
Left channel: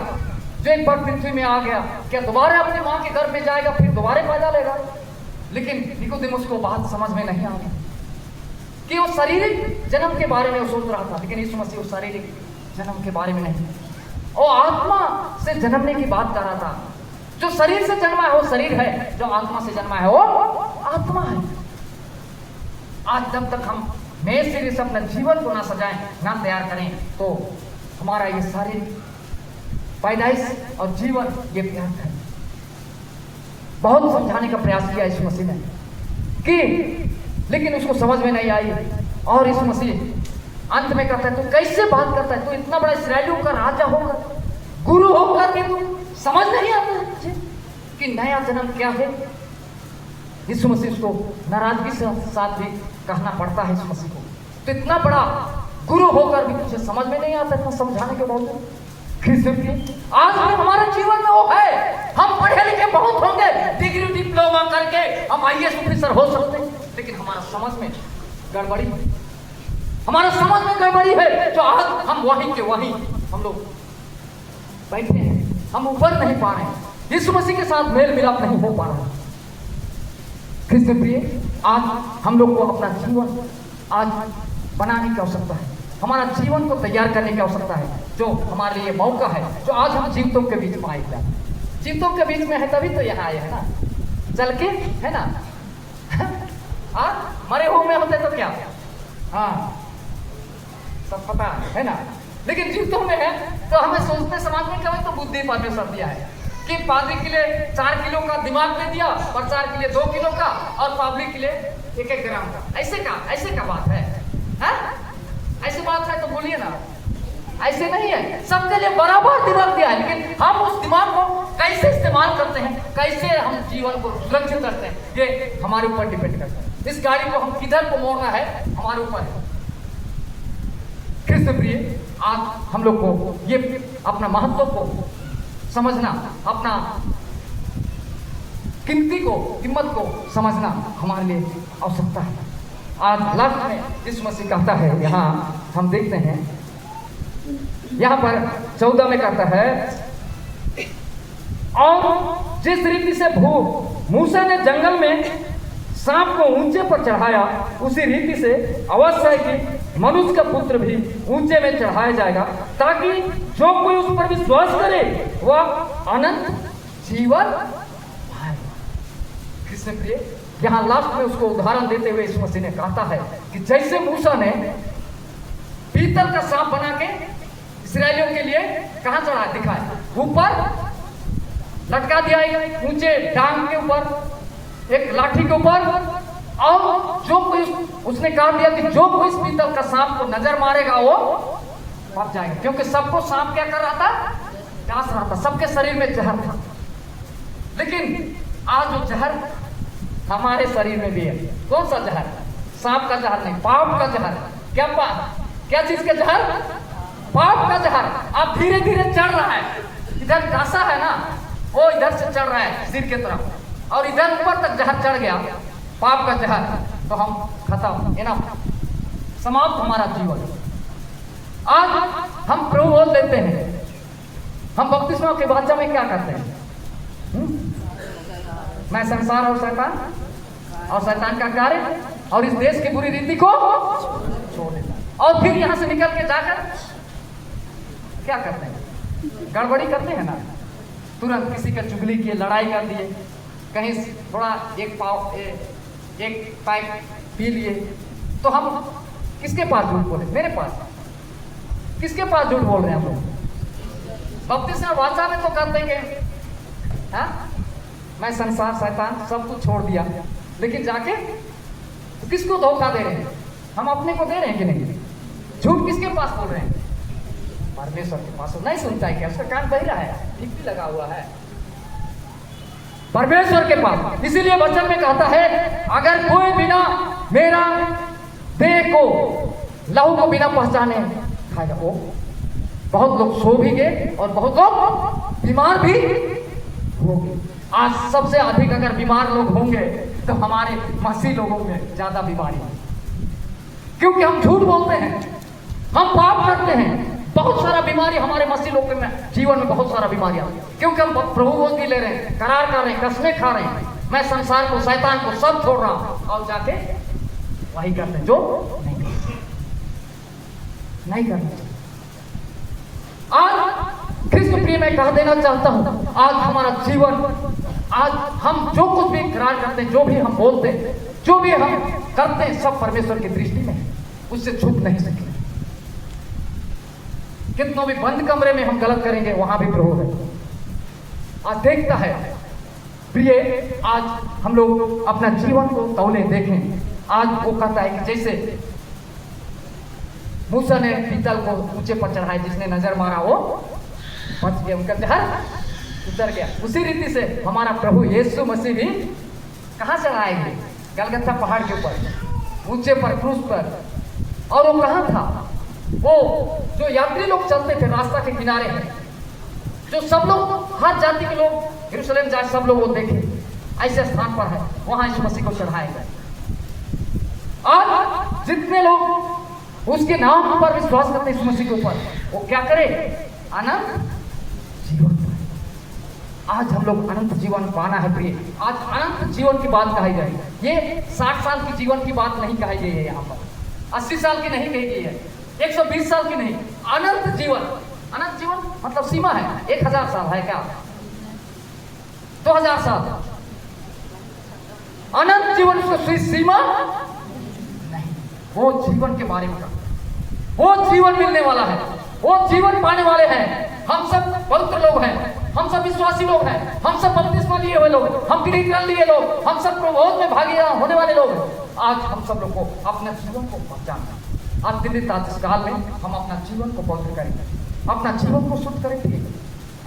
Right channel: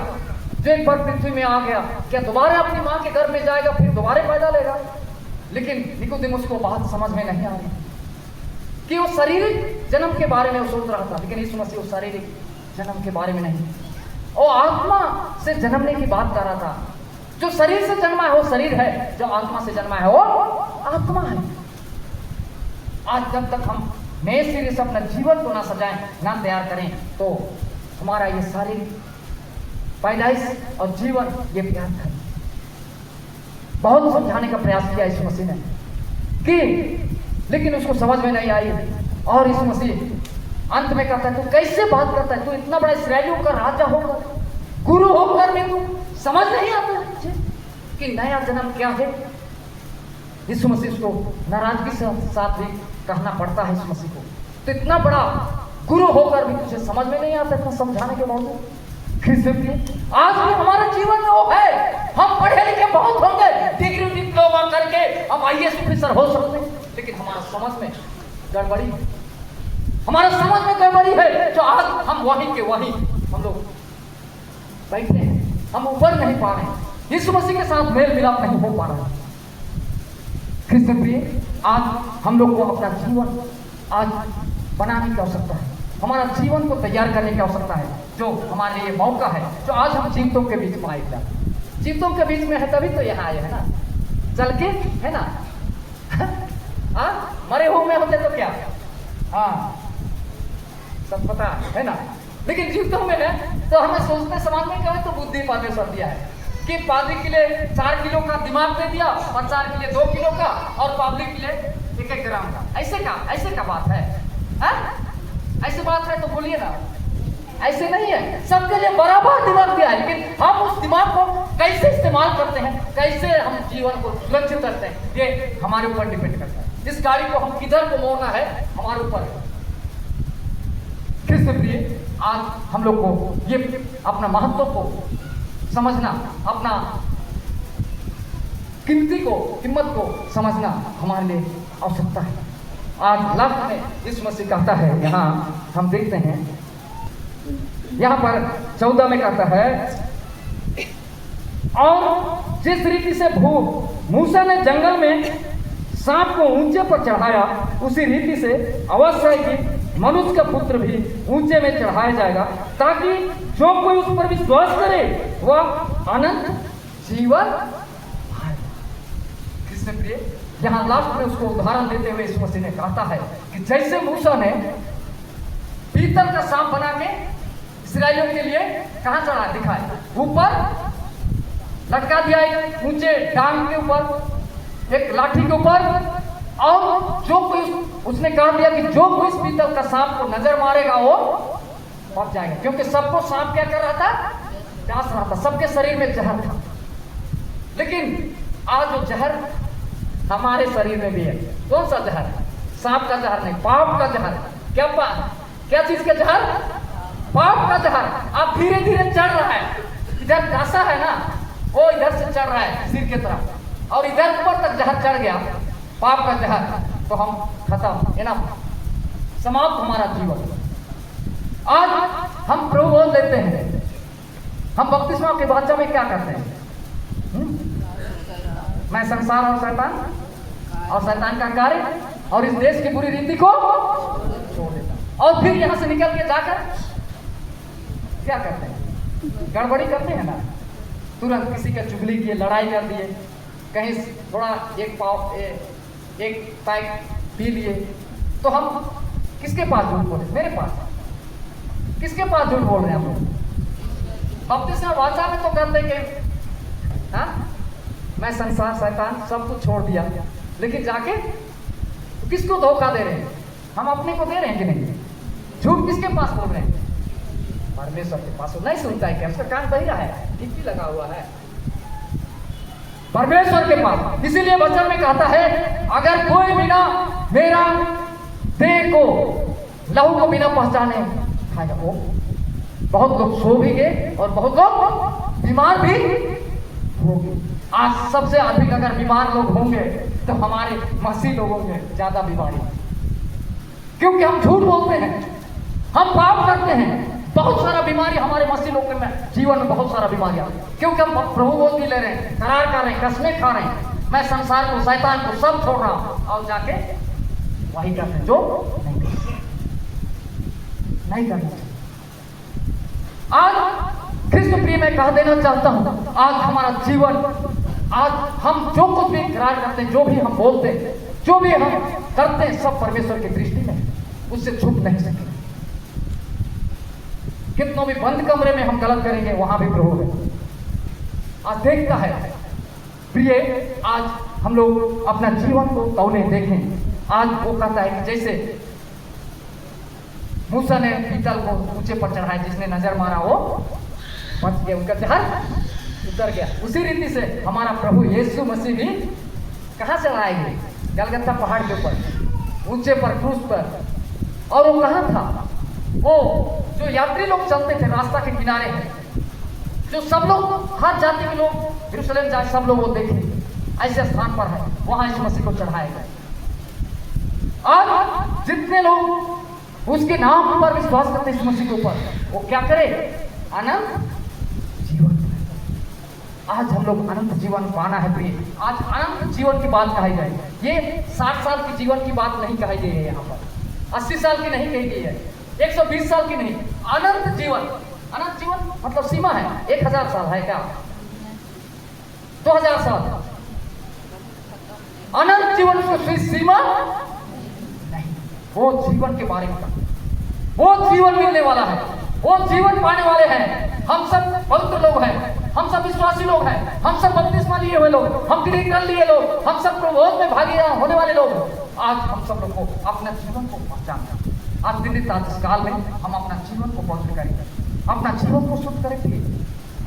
जो एक बार पृथ्वी में आ गया, क्या दोबारा अपनी मां के गर्भ में जाएगा फिर दोबारा पैदा लेगा? लेकिन निकोदेमुस को बात समझ में नहीं आ रही कि वो शारीरिक जन्म के बारे में वो सोच रहा था, लेकिन यीशु मसीह वो शारीरिक जन्म के बारे में नहीं, वो आत्मा से जन्मने की बात कर रहा था। जो शरीर से जन्मा है वो शरीर है, जो आत्मा से जन्मा है वो आत्मा है। आज जब तक हम नए सिरे से अपने जीवन को ना सजाएं, ना तैयार करें, तो हमारा ये शारीरिक पैदाइश और जीवन ये व्यर्थ है। बहुत समझाने का प्रयास किया यीशु मसीह ने कि, लेकिन उसको समझ में नहीं आई। और यीशु मसीह अंत में कहता है, तू कैसे बात करता है, तू इतना बड़ा इस्राएलियों का राजा होकर, गुरु होकर भी तू समझ नहीं आता कि नया जन्म क्या है? यीशु मसीह को नाराजगी से साथ भी कहना पड़ता है यीशु मसीह को, तो इतना बड़ा गुरु होकर भी तुझे समझ में नहीं आता, इतना समझाने के बावजूद। आज भी हमारे जीवन में वो है, हम पढ़े लिखे बहुत होंगे, डिग्री डिप्लोमा करके हम आईएएस ऑफिसर हो सकते हैं, लेकिन हमारा समझ में गड़बड़ी है, हमारा समझ में गड़बड़ी है। जो आज हम वही के वही हम लोग बैठे हैं, हम ऊपर नहीं पा रहे हैं, यीशु मसीह के साथ मेल मिलाप नहीं हो पा रहा। प्रिय, आज हम लोग को अपना जीवन आज बनाने की आवश्यकता है, हमारा जीवन को तैयार करने की आवश्यकता है। जो हमारे लिए मौका है, जो आज हम जीवतों के बीच में आएगा, जीवतों के बीच में है तभी तो यहाँ आए है ना, चल के है ना। मरे हुए में होते तो क्या, हाँ सब पता है ना, लेकिन जीवतों में है तो हमें सोचते समझ में कभी तो बुद्धि परमेश्वर दिया है कि पादरी के लिए 4 किलो का दिमाग दे दिया, और 4 के लिए 2 किलो का, और पब्लिक के लिए 1-1 ग्राम का। ऐसे का बात है, ऐसी बात है तो बोलिए ना, ऐसे नहीं है। सबके लिए बराबर दिमाग दिया है, लेकिन हम उस दिमाग को कैसे इस्तेमाल करते हैं, कैसे हम जीवन को सुरक्षित करते हैं, ये हमारे ऊपर डिपेंड करता है। इस गाड़ी को हम किधर को मोड़ना है हमारे ऊपर है। कृष्ण प्रिय, आज हम लोग को ये अपना महत्व को समझना, अपना कीमत को समझना हमारे लिए आवश्यकता है। आज लास्ट में यीशु मसीह कहता है, यहाँ हम देखते हैं, यहाँ पर 14 में कहता है, और जिस रीति से मूसा ने जंगल में सांप को ऊंचे पर चढ़ाया, उसी रीति से अवश्य है कि मनुष्य का पुत्र भी ऊंचे में चढ़ाया जाएगा, ताकि जो कोई उस पर विश्वास करे वह अनंत जीवन पाए। कृष्ण प्रिय, यहाँ लास्ट में उसको उदाहरण देते हुए यीशु मसीह ने कहता है कि जैसे मूसा ने पीतल का सांप बना के इस्राएलियों के लिए कहां चढ़ाया, दिखाया ऊपर लटका दिया एक ऊंचे डांग के ऊपर, एक लाठी के ऊपर, और जो कोई उसने कहा दिया कि जो कोई इस पीतल का सांप को नजर मारेगा वो मर जाएगा, क्योंकि सबको सांप क्या कर रहा था, डांस रहा था, सबके शरीर में जहर था। लेकिन आज वो जहर हमारे शरीर में भी है। कौन सा जहर? सांप का जहर नहीं, पाप का जहर। क्या चीज का जहर? पाप का जहर। अब धीरे धीरे चढ़ रहा है, इधर दासा है ना, वो इधर से चढ़ रहा है सिर की तरफ, और इधर ऊपर तक जहर चढ़ गया, पाप का जहर, तो हम खत्म, है ना, समाप्त हमारा जीवन। आज हम प्रभु बोल देते हैं, हम बपतिस्मा के वाचा में क्या करते हैं? मैं संसार और शैतान का कार्य और इस देश की बुरी रीति को छोड़ देता, और फिर यहां से निकल के जाकर क्या करते हैं? गड़बड़ी करते हैं ना, तुरंत किसी का चुगली किए, लड़ाई कर दिए, कहीं थोड़ा एक पैक पी लिए, तो हम किसके पास झूठ बोले? मेरे पास किसके पास झूठ बोल रहे हैं हम? बपतिस्मा वाचा में तो करते कि हाँ मैं संसार शैतान सब कुछ छोड़ दिया, लेकिन जाके किसको धोखा दे रहे हैं? हम अपने को दे रहे हैं कि नहीं? झूठ किसके पास बोल रहे हैं? परमेश्वर के पास। नहीं सुनता है क्या? उसका कान बहिरा है, ठीक भी लगा हुआ है, परमेश्वर के पास। इसीलिए वचन में कहता है, अगर कोई बिना मेरा देह को, लहू को बिना पहचाने खाएगा, वो बहुत लोग सो भी गए और बहुत लोग बीमार भी होंगे। आज सबसे अधिक अगर बीमार लोग होंगे तो हमारे मसीह लोगों में ज्यादा बीमारी, क्योंकि हम झूठ बोलते हैं, हम पाप करते हैं। बहुत सारा बीमारी हमारे मसीह लोगों में जीवन में, बहुत सारा बीमारियां, क्योंकि हम प्रभु बोल भी ले रहे हैं, करार कर रहे हैं, कसमें खा रहे हैं, मैं संसार को, शैतान को सब छोड़ रहा हूं, और जाके वही करते हैं जो नहीं करते। आज कृष्ण प्रिय मैं कह देना चाहता हूं, आज हमारा जीवन, आज हम जो कुछ भी करार करते हैं, जो भी हम बोलते हैं, जो भी हम करते हैं, सब परमेश्वर की दृष्टि में उससे छुप नहीं सकते। कितनों भी बंद कमरे में हम गलत करेंगे, वहां भी प्रभु है, आज देखता है। प्रिय, आज हम लोग अपना जीवन को तौले देखें। आज वो कहता है कि जैसे मूसा ने पीतल को ऊंचे पर चढ़ाया, जिसने नजर मारा वो बच गया, उनका जहर उतर गया। उसी रीति से हमारा प्रभु यीशु मसीह भी कहां से आएंगे? गलगथा पहाड़ के ऊपर, ऊंचे पर, क्रूस पर। और वो कहां था? वो जो यात्री लोग चलते थे रास्ता के किनारे हैं, जो सब लोग, हर जाति के लोग यरूशलेम जाए, सब लोग वो देखे, ऐसे स्थान पर है, वहां इस मसीह को चढ़ाएगा। और जितने लोग उसके नाम पर विश्वास करते इस मसीह के ऊपर, वो क्या करे? अनंत जीवन। आज हम लोग अनंत जीवन पाना है प्रिय। आज अनंत जीवन की बात कही जाए, ये 60 साल की जीवन की बात नहीं कही गई है, यहाँ पर 80 साल की नहीं कही गई है, 120 साल की नहीं, अनंत जीवन। अनंत जीवन मतलब सीमा है, 1000 साल है क्या? 2000 साल। अनंत जीवन उसको सीमा नहीं, वो जीवन के बारे में, वो जीवन मिलने वाला है, वो जीवन पाने वाले हैं। हम सब पवित्र लोग हैं, हम सब विश्वासी लोग हैं, हम सब बपतिस्मा लिए हुए लोग, हम गृह कर लिए लोग, हम सब प्रबोध में भागीदार होने वाले लोग। आज हम सब लोग को अपने जीवन को पहचानना, आज दिन काल में हम अपना जीवन को पवित्र करेंगे, अपना जीवन को शुद्ध करेंगे,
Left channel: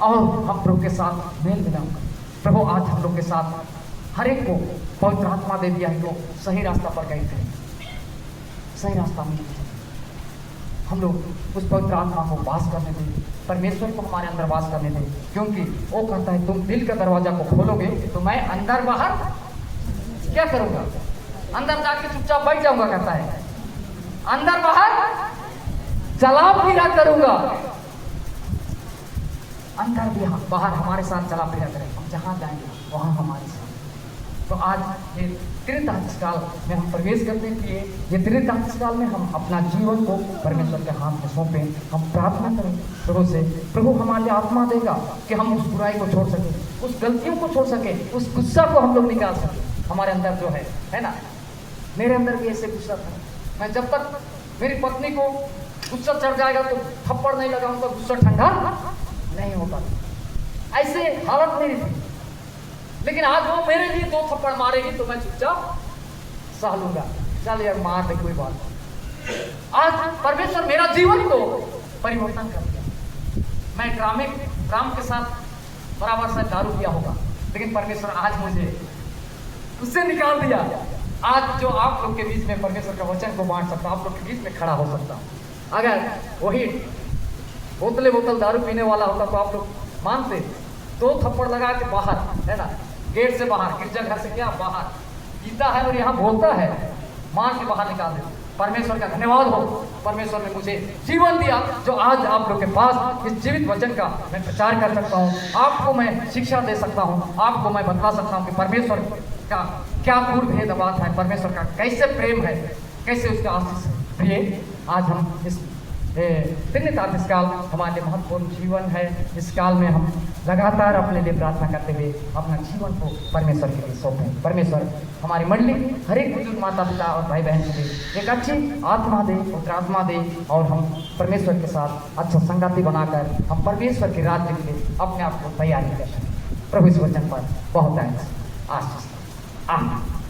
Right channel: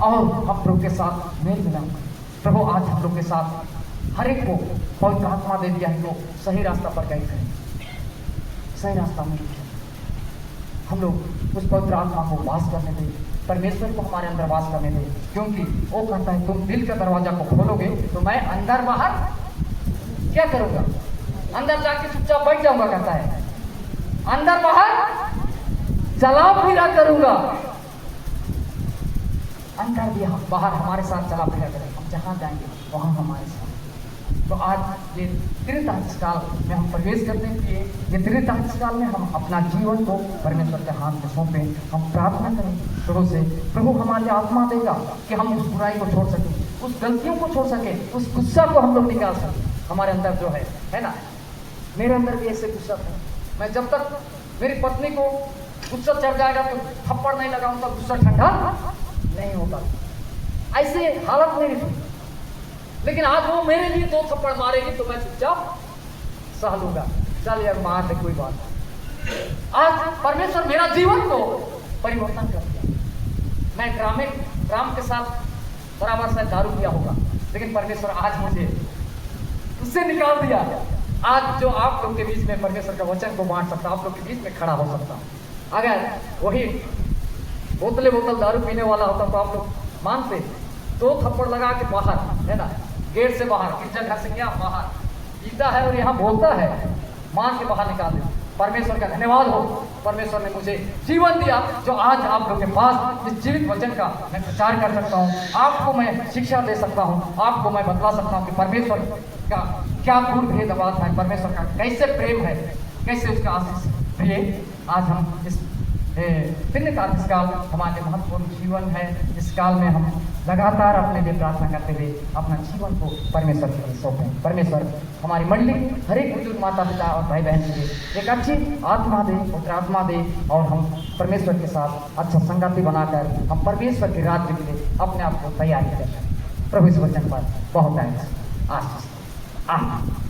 और हम प्रभु के साथ मेल मिलाएंगे। प्रभु आज हम लोग के साथ हर एक को पवित्र आत्मा दे दिया है, लोग सही रास्ता पर गए थे, सही रास्ता में हम लोग उस पवित्र आत्मा को वास करने दें, परमेश्वर को हमारे अंदर वास करने दें, क्योंकि वो कहता है तुम दिल का दरवाजा को खोलोगे तो मैं अंदर बाहर क्या करूंगा? अंदर जाके चुपचाप बैठ जाऊंगा, कहता है अंदर बाहर चला फिरा करूंगा। अंदर भी बाहर हमारे साथ चला फिरा करें, हम जहां जाएंगे वहां हमारे साथ। तो आज ये त्रितांश काल में हम प्रवेश करने के लिए, ये त्रितांश काल में हम अपना जीवन को परमेश्वर के हाथ में सौंपें, हम प्रार्थना करें प्रभु से। प्रभु हमारी आत्मा देगा कि हम उस बुराई को छोड़ सकें, उस गलतियों को छोड़ सकें, उस गुस्सा को हम लोग निकाल सकें। हमारे अंदर जो है ना, मेरे अंदर भी ऐसे गुस्सा था, मैं जब तक मेरी पत्नी को गुस्सा चढ़ जाएगा तो थप्पड़ नहीं लगाऊंगा, गुस्सा ठंडा नहीं होता। ऐसे हालत मेरी थी, लेकिन आज वो मेरे लिए 2 थप्पड़ मारेगी तो मैं चुपचाप सह लूंगा, चल यार मार दे कोई बात नहीं। आज परमेश्वर मेरा जीवन को परिवर्तन कर दिया। मैं ड्राम के साथ बराबर से दारू पिया होगा, लेकिन परमेश्वर आज मुझे उससे निकाल दिया। आज जो आप लोग के बीच में परमेश्वर का वचन को बांट सकता, आप लोग के बीच में खड़ा हो सकता। अगर वही बोतल दारू पीने वाला होता तो आप लोग मानते, 2 थप्पड़ लगा के बाहर, है ना, गेट से बाहर, गिरजा घर से क्या बाहर पीता है और यहाँ बोलता है, मार के बाहर निकाल दे। परमेश्वर का धन्यवाद हो, परमेश्वर ने मुझे जीवन दिया जो आज आप लोग के पास इस जीवित वचन का मैं प्रचार कर सकता हूँ, आपको मैं शिक्षा दे सकता हूँ, आपको मैं बतला सकता हूँ कि परमेश्वर का क्या पूर्ण भेदभाव है, परमेश्वर का कैसे प्रेम है, कैसे उसका आशीष प्रिय। आज हम इस पुण्यकाल इस काल हमारे महत्वपूर्ण जीवन है। इस काल में हम लगातार अपने लिए प्रार्थना करते हुए अपना जीवन को परमेश्वर के लिए सौंपें। परमेश्वर हमारी मंडली, हर एक बुजुर्ग माता पिता और भाई बहन के एक अच्छी आत्मा दे, पुत्र आत्मा दे, और हम परमेश्वर के साथ अच्छा संगति बनाकर हम परमेश्वर के राज्य के लिए अपने आप को तैयारी कर सकें। प्रभु इस वचन पर बहुत आशीष। आमीन।